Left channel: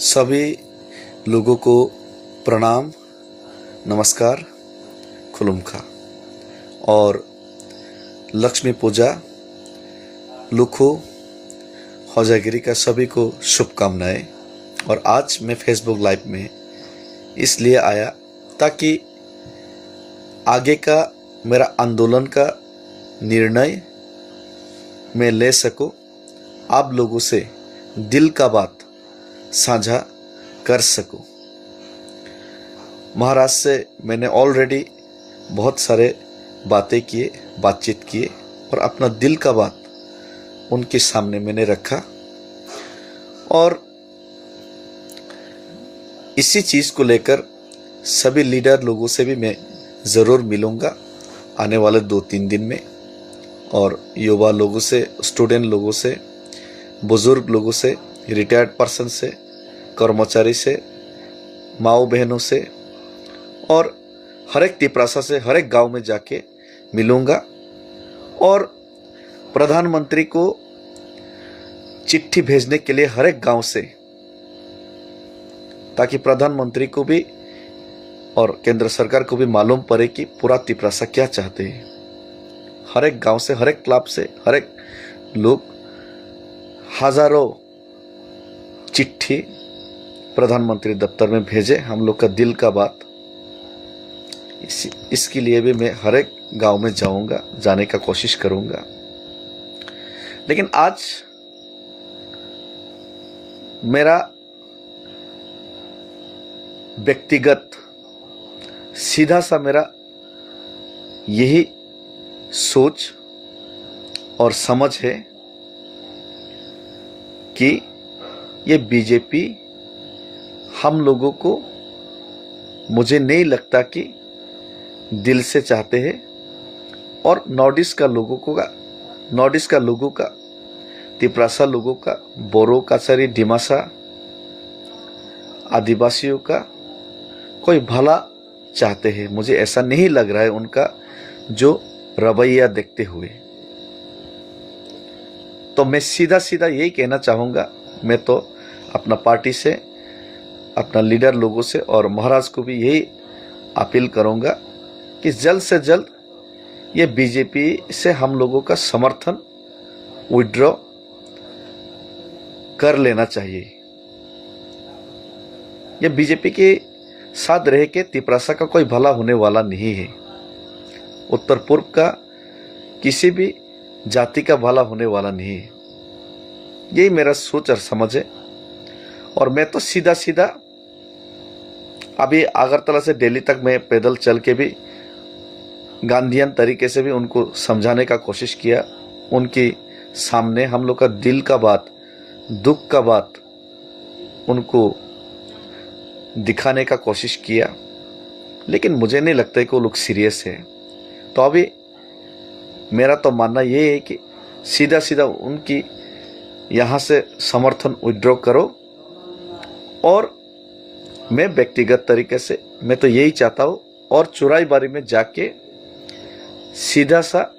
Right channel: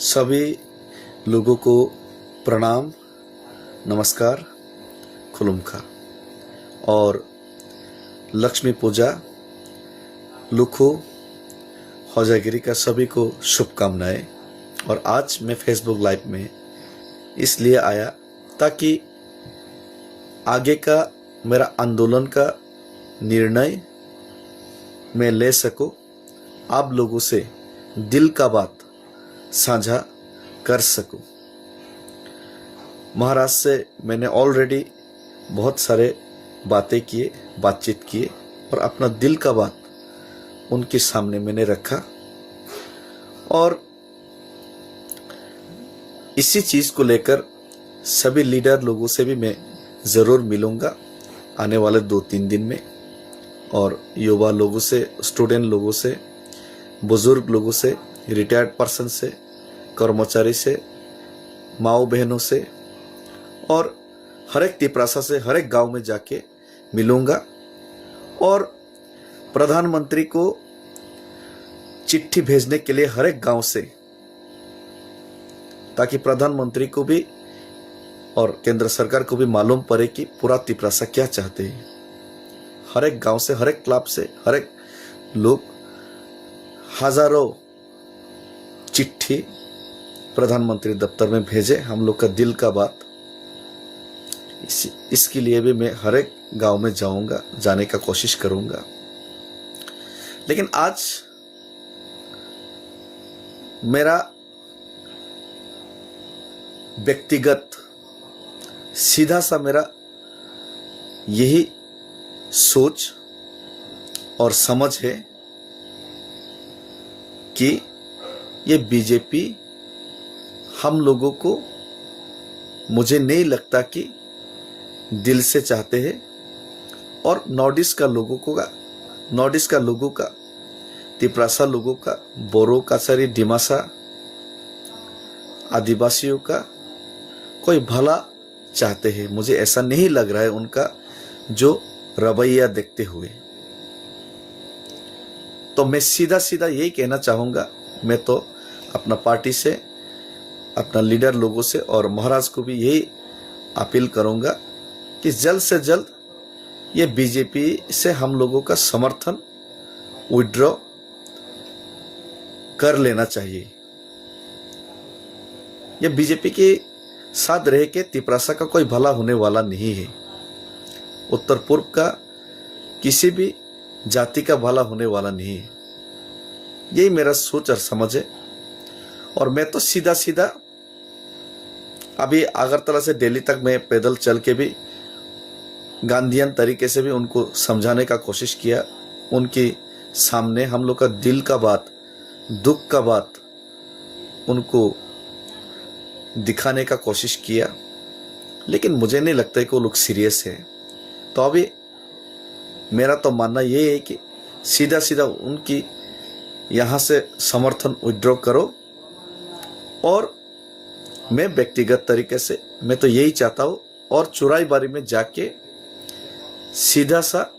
सभी लोगों को प्रणाम, नमस्कार, खुलुमखा और लक्ष्मी पूजा, लुखो, होजागिरी का सभी को शुभकामनाएं। और आज मैं फेसबुक लाइव में इसलिए आया ताकि आगे का मेरा आंदोलन का निर्णय मैं ले सकूं, आप लोगों से दिल का बात साझा कर सकूं। महाराष्ट्र से मैंने ऑलरेडी बहुत सारे बातचीत किए और अपना दिल का बात उनके सामने मैंने रखा और इसी चीज़ को लेकर सभी लीडर लोगों से भी मैं ज़रूर मिलूंगा आने वाले 2-3 दिन में। और युवा लोगों से, स्टूडेंट लोगों से, बुजुर्ग लोगों से, रिटायर्ड पर्सन से, कर्मचारी से, माओ बहनों से और हर एक तिपरासा से, हर एक गांव में जाके मिलूंगा और प्रधानमंत्री को चिट्ठी भेजने के लिए हर एक गांव से, ताकि प्रधानमंत्री को भी और केंद्र सरकार को भी मालूम पड़े कि पूरा तिपरासा क्या चाहते हैं। हर एक गांव से, हर एक क्लब से, हर एक लोग हजारों चिट्ठी प्रधानमंत्री दफ्तर में भेजे, हम लोग का दिल का बात। इसके लिए भी मैं हर एक गांव में जाऊंगा, जाने का कोशिश करूंगा। लेकिन आज मेरा व्यक्तिगत सीधा सा मेरा यही सोच और समझ है कि ये बीजेपी हम लोगों को, मुझे नहीं लगता कि दिल से चाहते हैं। और नॉर्थ ईस्ट का लोगों का, तिपरासा लोगों का, बोरो, काचारी, डिमासा आदिवासियों का कोई भला चाहते हैं, मुझे ऐसा नहीं लग रहा है उनका जो रवैया देखते हुए। तो मैं सीधा सीधा यही कहना चाहूंगा, मैं तो अपना पार्टी से, अपना लीडर लोगों से और महाराज को भी यही अपील करूंगा कि जल्द से जल्द ये बीजेपी से हम लोगों का समर्थन विड्रॉ कर लेना चाहिए। ये बीजेपी के साथ रह के तिपरासा का कोई भला होने वाला नहीं है। उत्तर पूर्व का किसी भी जाति का भला होने वाला नहीं है। यही मेरा सोच और समझ है। और मैं तो सीधा सीधा अभी अगरतला से दिल्ली तक मैं पैदल चल के भी गांधीयन तरीके से भी उनको समझाने का कोशिश किया, उनके सामने हम लोग का दिल का बात, दुख का बात उनको दिखाने का कोशिश किया। लेकिन मुझे नहीं लगता है कि वो लोग सीरियस है। तो अभी मेरा तो मानना ये है कि सीधा सीधा उनकी यहाँ से समर्थन विड्रॉ करो। और मैं व्यक्तिगत तरीके से मैं तो यही चाहता हूँ, और चुराई बारी में जाके सीधा सा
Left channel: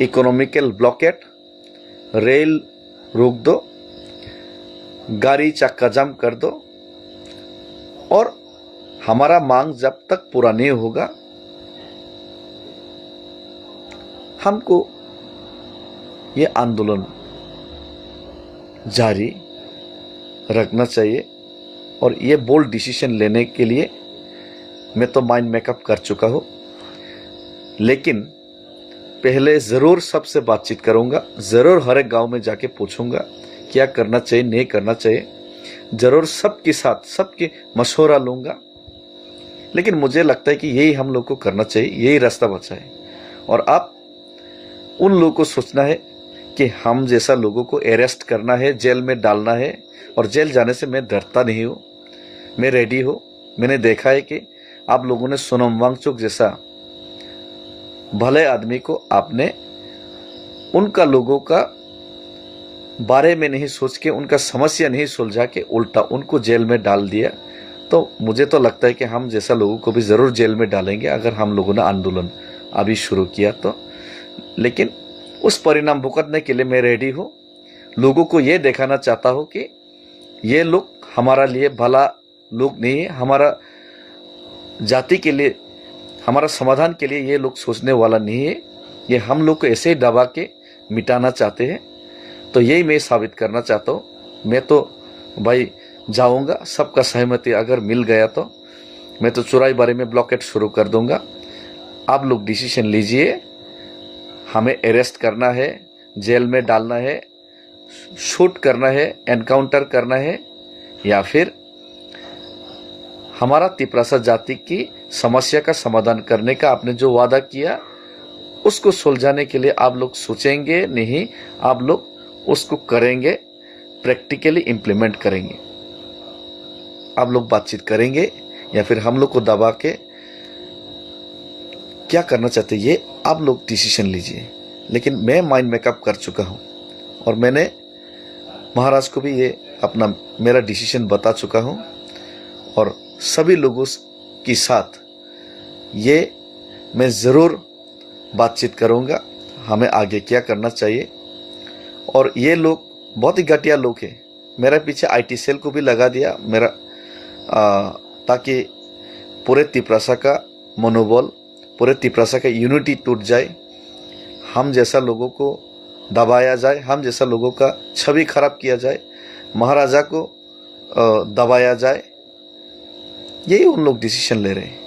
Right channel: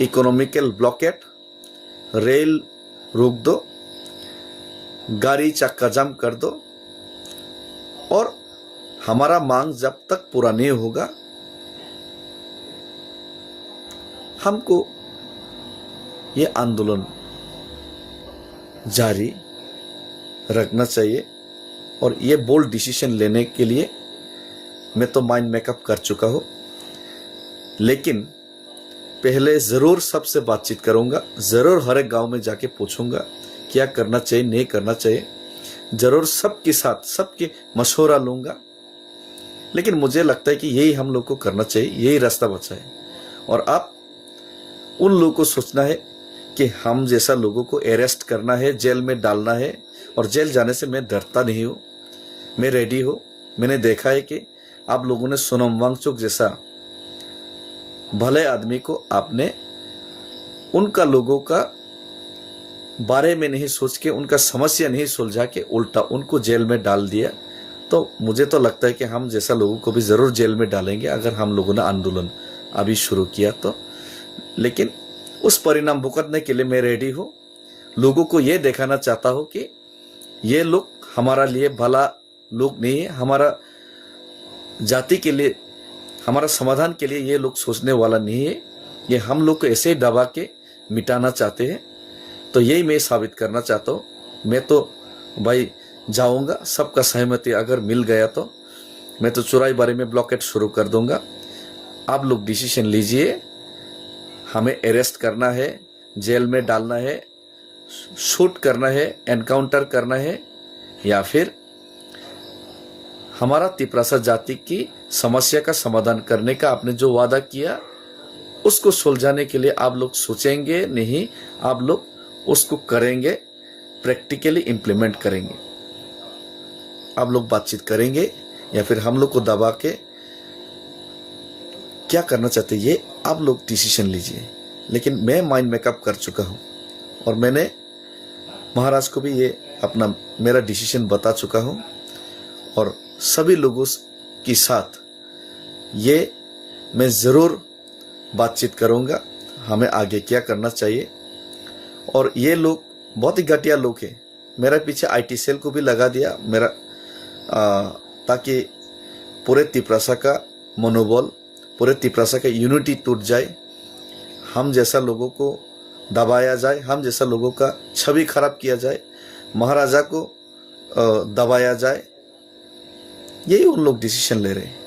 इकोनॉमिकल ब्लॉकेट, रेल रोक दो, गाड़ी चक्का जाम कर दो। और हमारा मांग जब तक पूरा नहीं होगा, हमको ये आंदोलन जारी रखना चाहिए। और ये बोल्ड डिसीजन लेने के लिए मैं तो माइंड मेकअप कर चुका हूँ। लेकिन पहले ज़रूर सबसे बातचीत करूँगा, ज़रूर हर एक गांव में जाके पूछूंगा क्या करना चाहिए, नहीं करना चाहिए। ज़रूर सबके साथ सबके मशवरा लूँगा। लेकिन मुझे लगता है कि यही हम लोग को करना चाहिए, यही रास्ता बचा है। और आप उन लोगों को सोचना है कि हम जैसा लोगों को अरेस्ट करना है, जेल में डालना है। और जेल जाने से मैं डरता नहीं हूँ, मैं रेडी हूँ। मैंने देखा है कि आप लोगों ने सोनम वांगचुक जैसा भले आदमी को आपने उनका लोगों का बारे में नहीं सोच के, उनका समस्या नहीं सुलझा के, उल्टा उनको जेल में डाल दिया। तो मुझे तो लगता है कि हम जैसा लोगों को भी ज़रूर जेल में डालेंगे अगर हम लोगों ने आंदोलन अभी शुरू किया तो। लेकिन उस परिणाम भुगतने के लिए मैं रेडी हूँ। लोगों को ये दिखाना चाहता हूँ कि ये लोग हमारा लिए भला लोग नहीं है, हमारा जाति के लिए, हमारा समाधान के लिए ये लोग सोचने वाला नहीं है। ये हम लोग को ऐसे ही दबा के मिटाना चाहते हैं। तो यही मैं साबित करना चाहता हूँ। मैं तो भाई जाऊंगा, सबका सहमति अगर मिल गया तो मैं तो चुराई बारे में ब्लॉकेट शुरू कर दूंगा। आप लोग डिसीजन लीजिए, हमें अरेस्ट करना है, जेल में डालना है, शूट करना है, एनकाउंटर करना है, या फिर हमारा तिपरासा जाति की समस्या का समाधान करने का आपने जो वादा किया उसको सुलझाने के लिए आप लोग सोचेंगे नहीं, आप लोग उसको करेंगे, प्रैक्टिकली इंप्लीमेंट करेंगे। आप लोग बातचीत करेंगे या फिर हम लोग को दबा के क्या करना चाहते ये आप लोग डिसीजन लीजिए। लेकिन मैं माइंड मेकअप कर चुका हूँ और मैंने महाराज को भी ये अपना मेरा डिसीजन बता चुका हूँ और सभी लोगों के साथ ये मैं ज़रूर बातचीत करूँगा हमें आगे क्या करना चाहिए। और ये लोग बहुत ही घटिया लोग हैं। मेरे पीछे आईटी सेल को भी लगा दिया मेरा ताकि पूरे तिपरासा का मनोबल, पूरे तिपरासा का यूनिटी टूट जाए, हम जैसा लोगों को दबाया जाए, हम जैसा लोगों का छवि खराब किया जाए, महाराजा को दबाया जाए। यही उन लोग डिसीजन ले रहे हैं।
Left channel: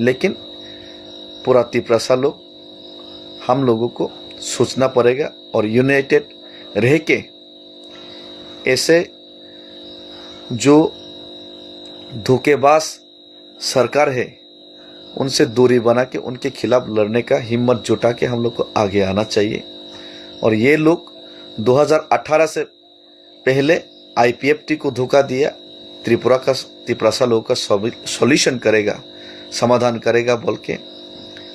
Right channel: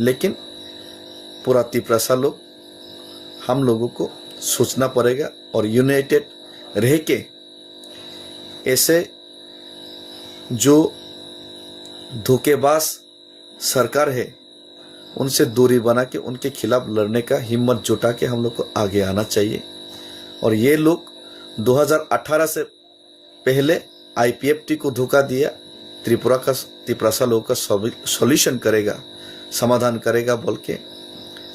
लेकिन पूरा तिपरासा लोग, हम लोगों को सोचना पड़ेगा और यूनाइटेड रह के ऐसे जो धोखेबाज सरकार है उनसे दूरी बना के उनके खिलाफ लड़ने का हिम्मत जुटा के हम लोग को आगे आना चाहिए। और ये लोग 2018 से पहले आईपीएफटी को धोखा दिया, तिपरासा लोगों का सॉल्यूशन करेगा, समाधान करेगा बोल के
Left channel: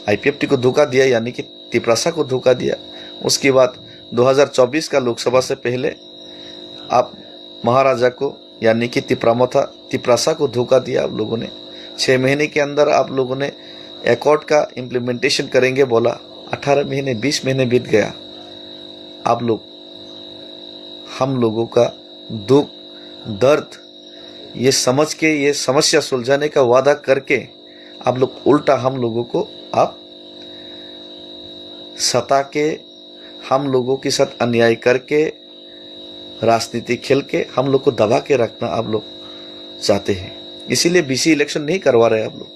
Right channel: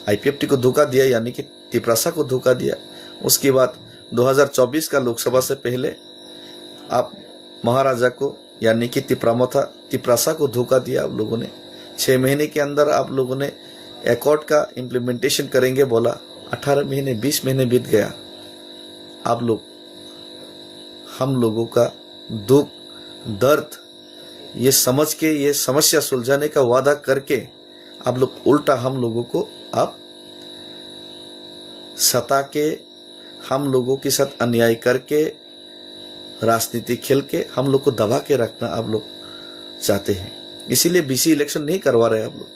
आईपीएफटी को धोखा दिया, यानी कि तिपरासा को धोखा दिया। उसके बाद 2024 का लोकसभा से पहले आप महाराजा को यानी कि तिपरासा को धोखा दिया आप लोगों ने। 6 महीने के अंदर आप लोगों ने एकॉर्ड का इम्प्लीमेंटेशन करेंगे बोला, 18 महीने 20 महीने बीत गया। आप लोग हम लोगों का दुख दर्द ये समझ के ये समस्या सुलझाने का वादा करके आप लोग उल्टा हम लोगों को आप सता के, हम लोगों के साथ अन्याय करके, राजनीति खेल के हम लोग को दबा के रखना आप लोग चाहते हैं। इसीलिए बीसी इलेक्शन नहीं करवा रहे आप लोग,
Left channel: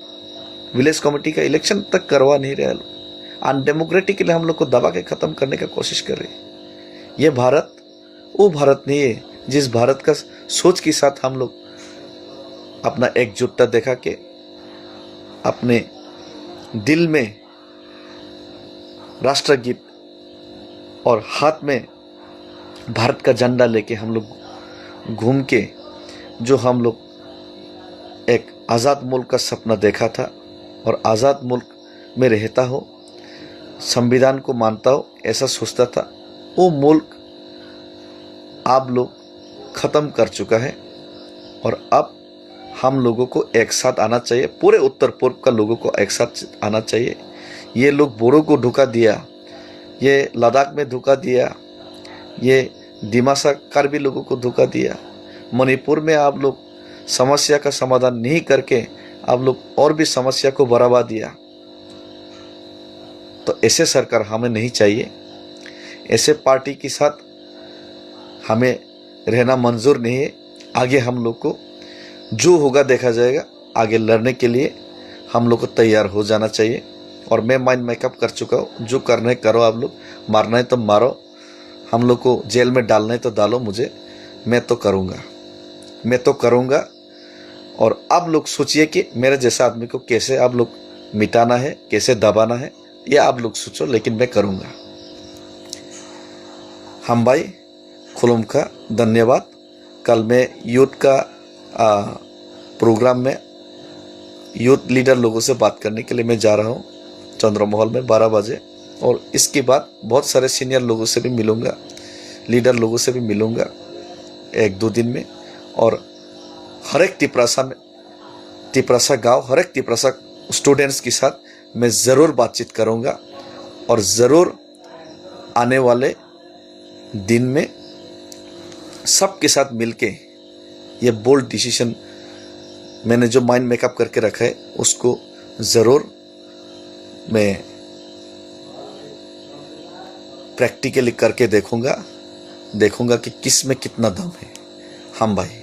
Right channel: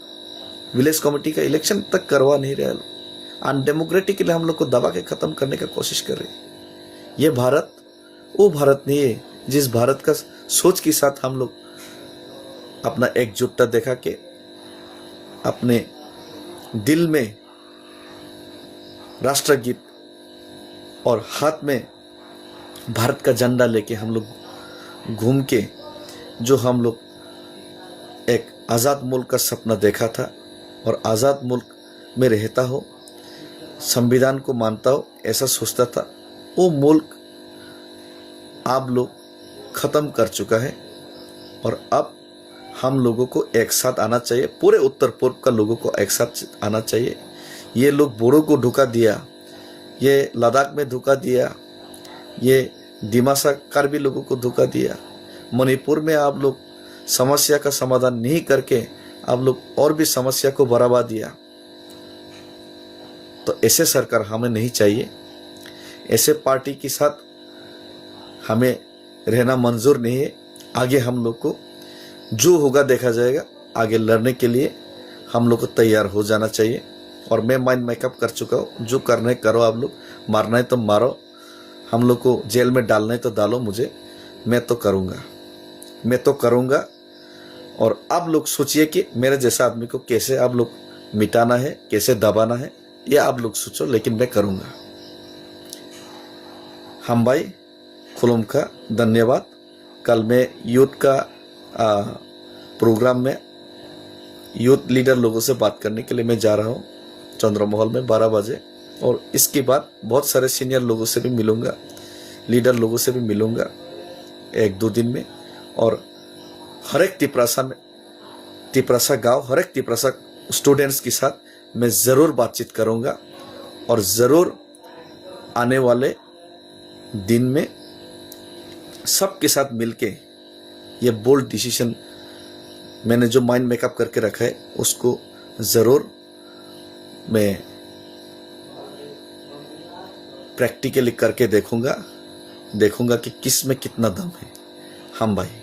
विलेज कमेटी का इलेक्शन तक करवा नहीं रहे लोग, अनडेमोक्रेटिकली हम लोग को दबा के खत्म करने का कोशिश कर रहे हैं। ये भारत वो भारत नहीं है जिस भारत का सोच के साथ हम लोग अपना एकजुटता दिखा के अपने दिल में राष्ट्रगीत और हाथ में भारत का झंडा लेके हम लोग घूम के जो हम लोग एक आज़ाद मुल्क का सपना देखा था और आज़ाद मुल्क में रहता हो, संविधान को मानता हो, ऐसा सोचता था, वो मुल्क आप लोग ख़त्म कर चुका है। और अब हम लोगों को एक साथ आना चाहिए, पूरे उत्तर पूर्व का लोगों को एक साथ आना चाहिए। ये लोग बोडो को धोखा दिया, ये लद्दाख में धोखा दिया, ये दिमासा कार्बी लोगों को धोखा दिया, मणिपुर में आप लोग समस्या का समाधान नहीं करके आप लोग और भी समस्या को बढ़ावा दिया। तो ऐसे सरकार हमें नहीं चाहिए, ऐसे पार्टी के साथ हमें रहना मंजूर नहीं है। आगे हम लोग को जो होगा देखा जाएगा, आगे लड़ने के लिए हम लोग को तैयार हो जाना चाहिए। और मैं माइंड मेकअप कर चुका हूँ, जो करना है करो, आप लोग मारना है तो मारो, हम लोग को जेल में डालना है तो डालो, मुझे मैं तो करूँगा। और आप लोग सोचिए कि मेरे जैसा आदमी को कैसे आप लोग मिटाना है, कैसे दबाना है, ये आप लोग सोचो, लेकिन मैं करूँगा। हम भाई खुलुम का धन्यवाद। कल मैं यूथ का प्रोग्राम में यूथ लीडर लोगों से बात करने के लिए मैं जा रहा हूँ चंद्रमहल में 12 बजे। और इसके बाद बहुत सारे सीनियर लोगों से भी मिलूँगा, लीडर लोगों से भी मिलूँगा 1-2 दिन में। और हर एक तिपरासा गांव, हर एक तिपरासा स्टूडेंट्स के साथ मैं ज़रूर बातचीत करूँगा और ज़रूर आने वाले दिन में सबके साथ मिलके ये बोल्ड डिसीजन मैंने जो माइंड मेकअप करके रखा है उसको ज़रूर मैं प्रैक्टिकली करके देखूंगा कि किस में कितना दम है। हम भाई।